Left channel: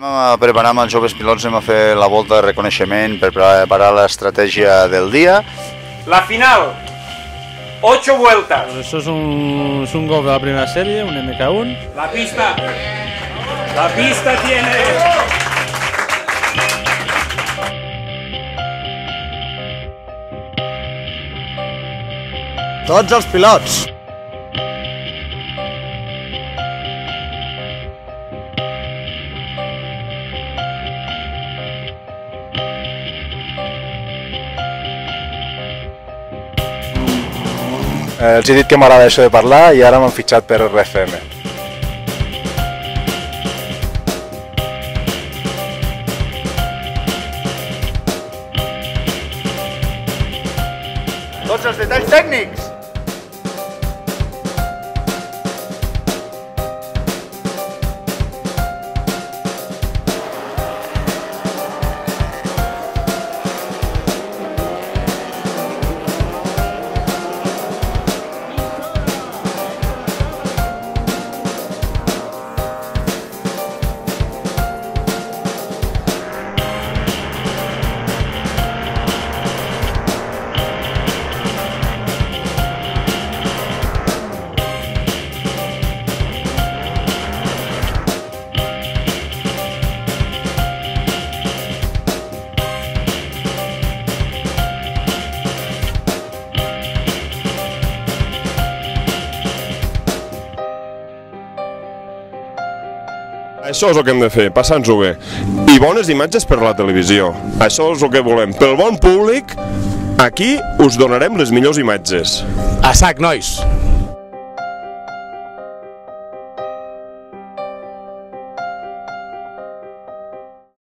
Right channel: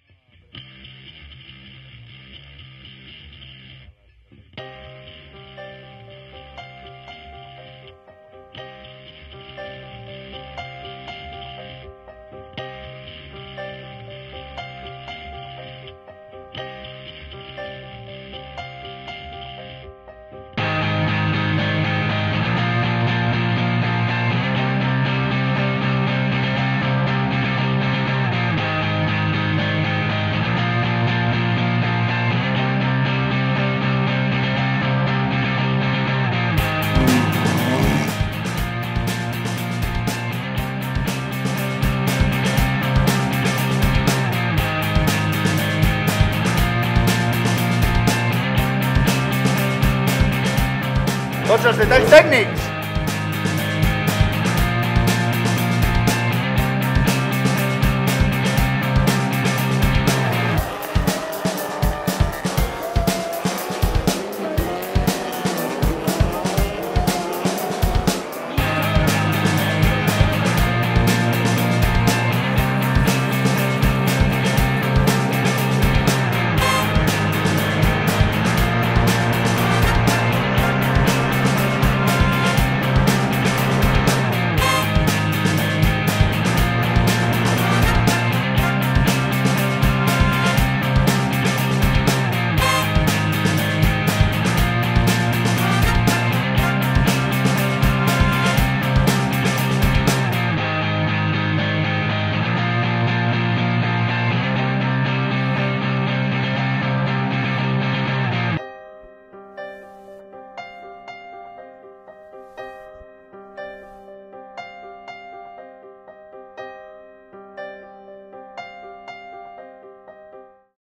Preparar amb els joves pilots, anem a fer la volta de reconeixement per preparar l'estratègia del día. La final, 8 vueltas. Pues eso es un Golf de la primera serie, un MK1. La pista tiene... Tots els pilots. Els he dit que m'agrada això de parlar i ara m'han fitxat per RFM. Tots els detalls tècnics! Això és el que hem de fer, passar-nos-ho bé. I bones imatges per a la televisió. Això és el que volem. Pel bon públic, aquí us donarem les millors imatges. A sac, nois!